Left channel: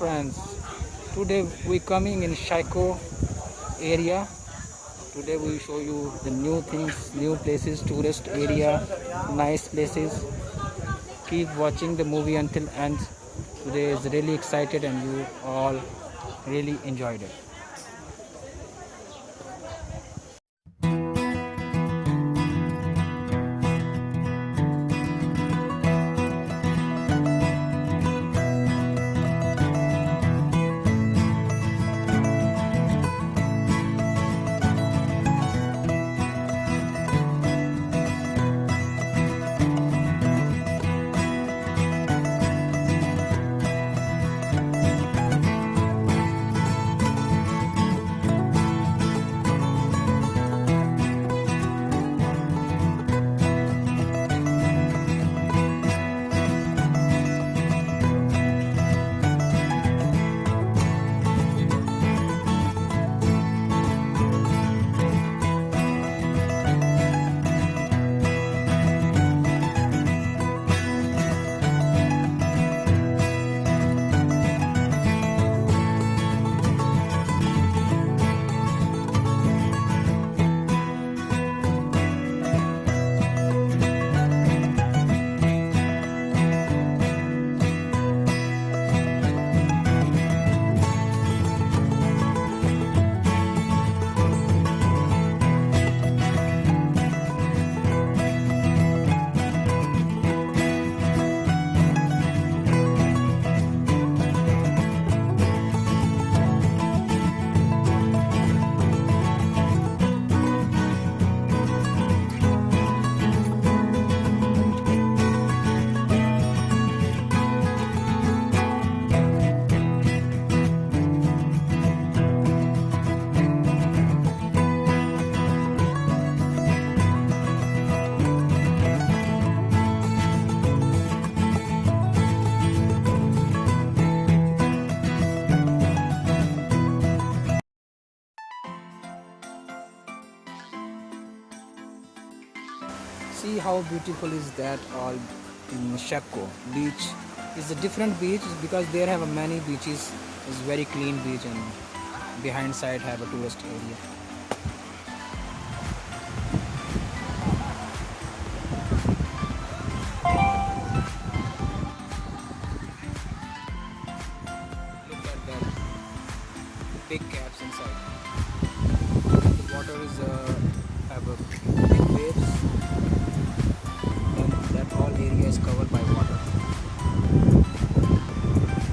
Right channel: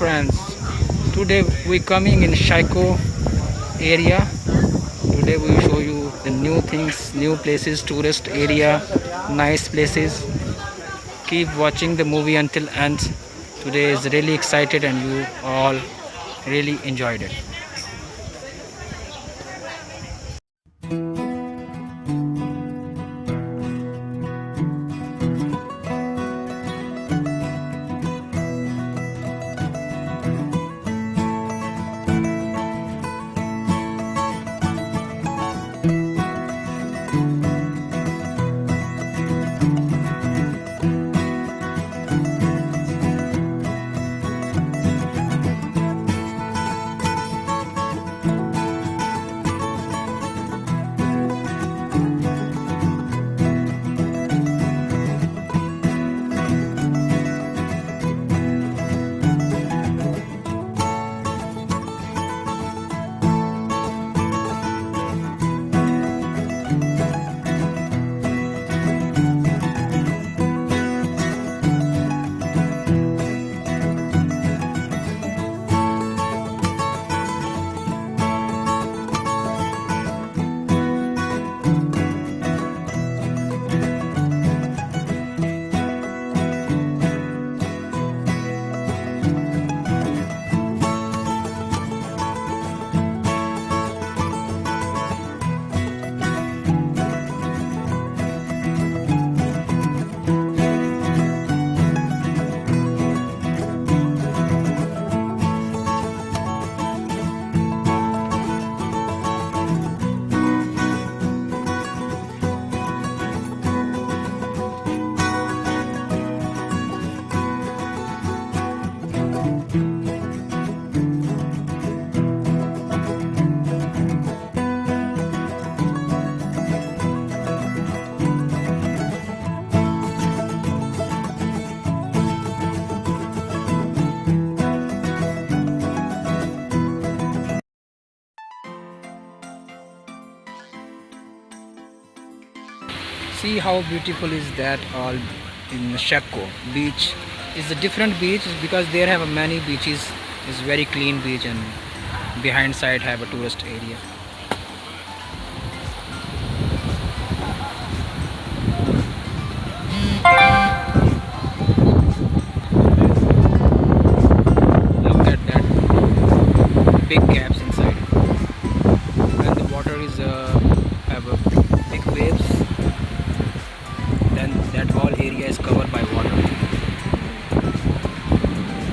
Friends, today we coming in Shaiko area. Today we show you the new things, new places, tourist area, nice places. Keep watching the movie until end. Today is really excited and you all really enjoyed it. See how beautiful is that all in Shakko beach. It's a different beach because there have many beaches. It's very clean beach and behind side have a tourist area. Look at that big gaps inside and the water is have a big waves. Then that whole area is covered by water.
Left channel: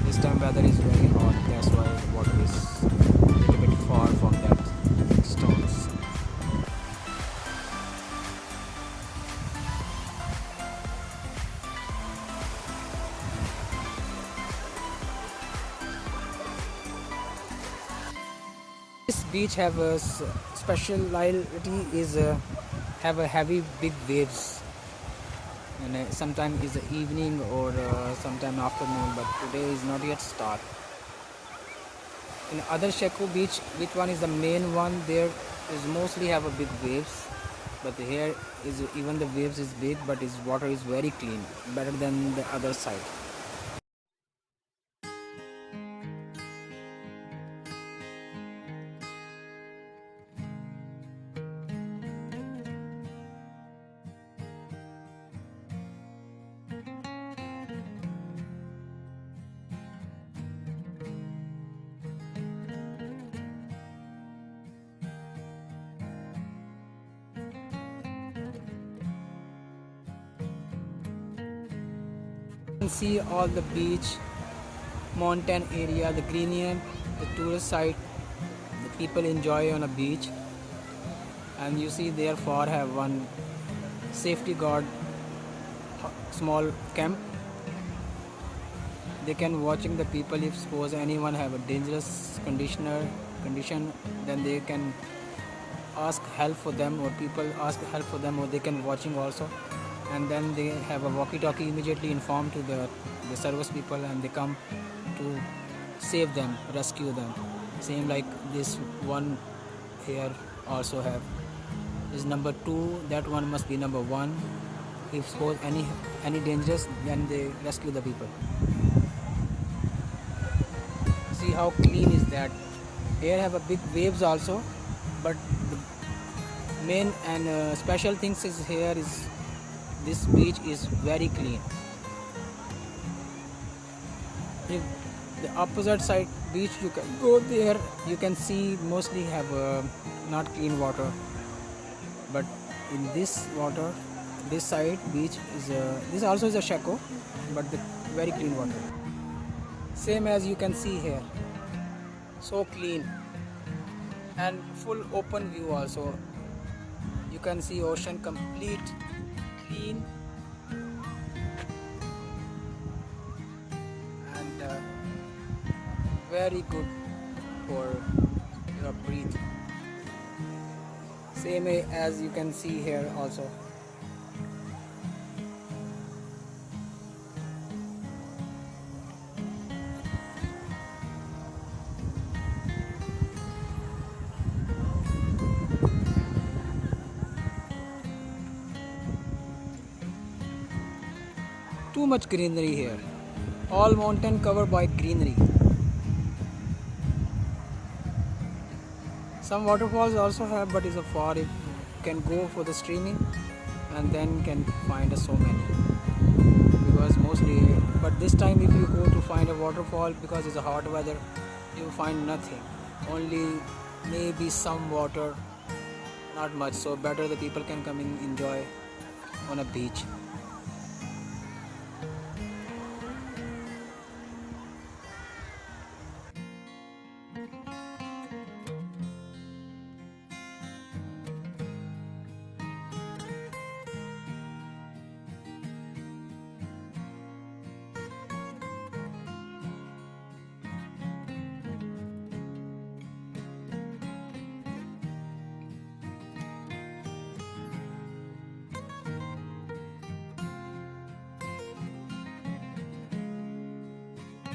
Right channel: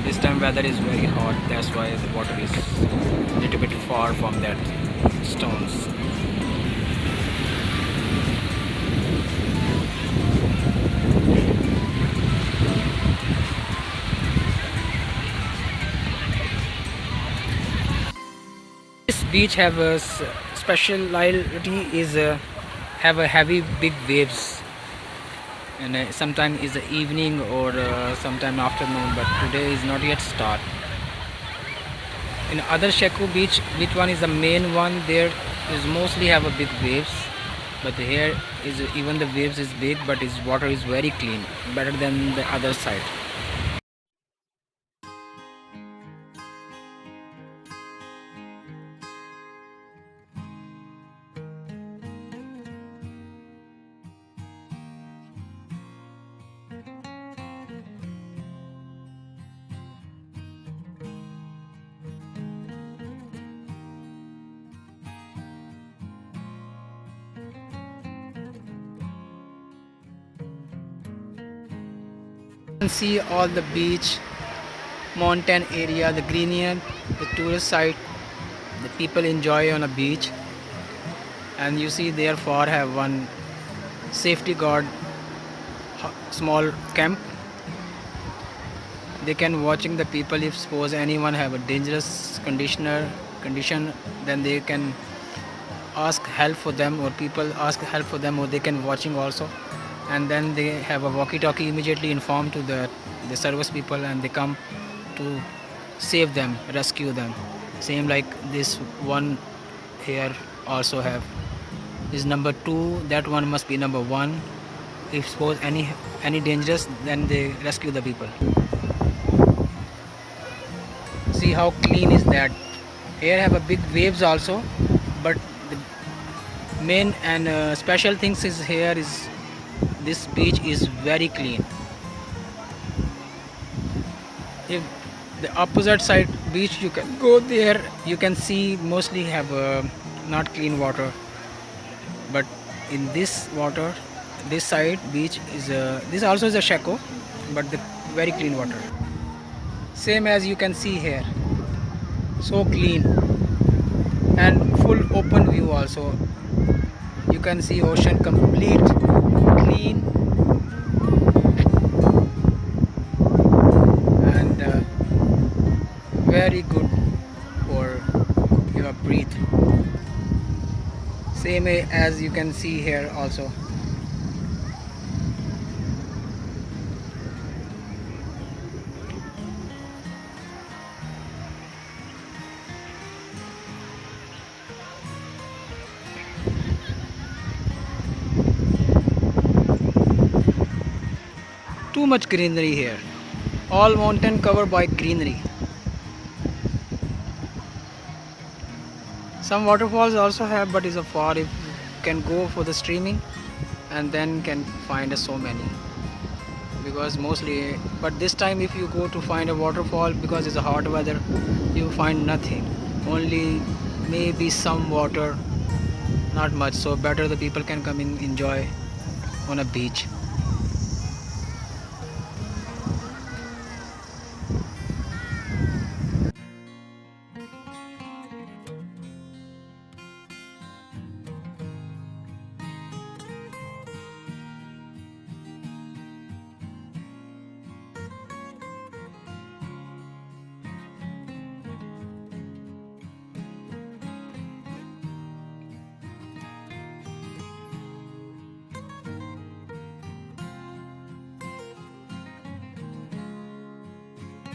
This time weather is very hot, that's why the water is a little bit far from that stones. This beach have a speciality is have a heavy big waves, and sometime is the evening or sometime afternoon, but today is not yet start. In other Sheku beach, which one is the main one, there is mostly have a big waves, but here is even the waves is big, but its water is very clean, better than the other side. You can see all the beach, mountain area, the greenery, the tourist site, the people enjoy on a beach. And you see there far have one safety guard small camp. They can watching the people. If suppose anyone have a dangerous condition, then they can ask help for them, or people ask help for them, or they can watching also. And then they have a walkie-talkie, immediately inform to the service people, and they come to save them, rescue them. Same like this one here also have is number 2, that one must be number 1. If suppose any dangerous, then they rescue the people. See how clean is that. Here have a big waves also, but the main and special things is here is this beach is very clean. If the opposite side beach you can go there, you can see mostly have not clean water, but in this water, this side beach is this also is a shako, but the very clean water, same as you can see here, so clean and full open view also. You can see ocean complete clean and very good for your breathe, same as you can see here also. Too much greenery here, all mountain covered by greenery. Some waterfalls also have, but is a far. If you can go for the streaming and then can find so many, because mostly, but this time if you go to find a waterfall, because it's a hot weather, you find nothing, only maybe some water, not much. So better the people can come and enjoy on a beach.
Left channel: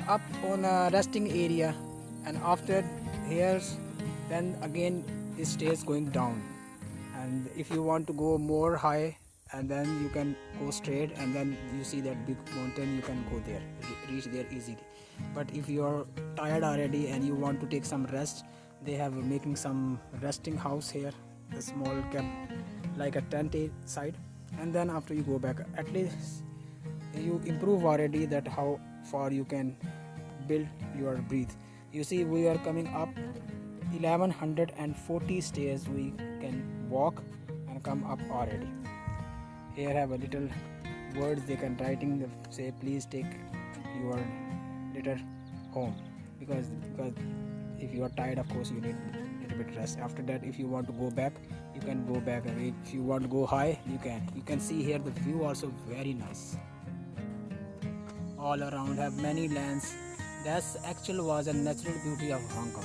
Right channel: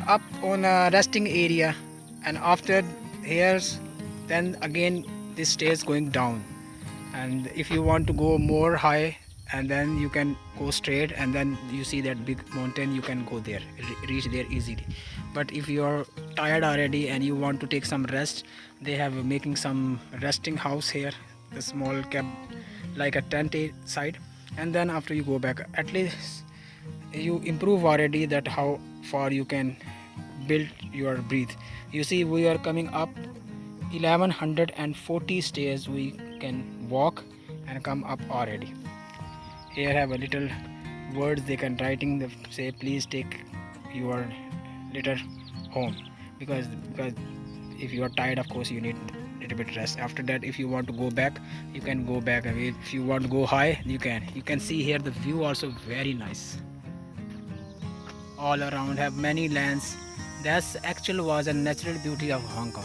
Up on a resting area, and after here's then again this stairs going down, and if you want to go more high, and then you can go straight, and then you see that big mountain, you can go there, reach there easily. But if you are tired already and you want to take some rest, they have making some resting house here, a small camp like a tent side, and then after you go back, at least you improve already that how far you can build your breathe. You see we are coming up 1140 stairs, we can walk and come up already. Here have a little words they can writing, they say please take your litter home, because if you are tired, of course you need little bit rest. After that, if you want to go back, you can go back. If you want to go high, you can see here the view also very nice. All around have many lands. That's actual was a natural beauty of Hong Kong.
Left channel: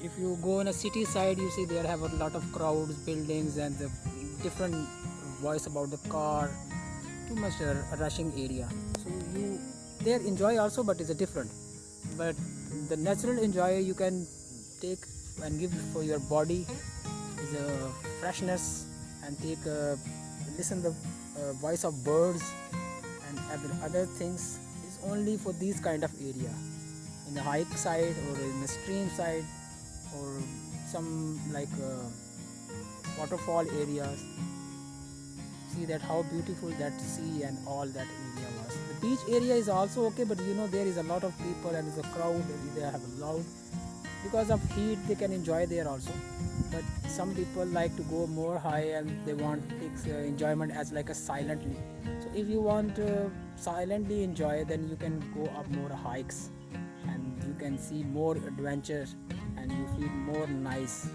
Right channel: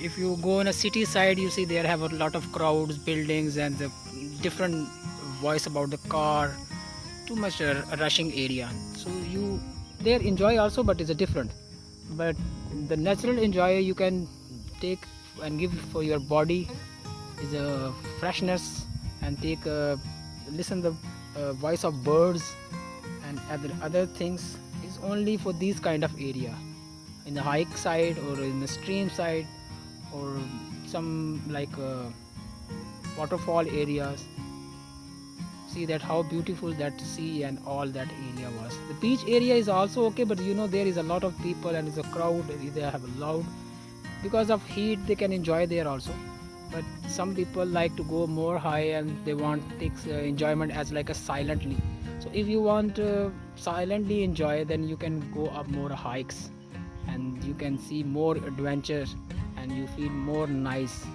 If you go in a city side, you see there have a lot of crowds, buildings, and the different voice about the car, too much rushing area. So you there enjoy also, but it's a different. But the natural enjoy you can take and give for your body is a freshness, and take listen the voice of birds and other things is only for these kind of area, in the hike side or in the stream side or some like waterfall areas. See that how beautiful that sea and all that area was. The beach area is also okay, but you know there is a lot of people and it's a crowd, they have a loud, because of heat they can enjoy there also. But some people like to go more high and they want take enjoyment as like a silently. So if you want silently enjoy, then you can go up more hikes and you can see more adventures and you feel more nice.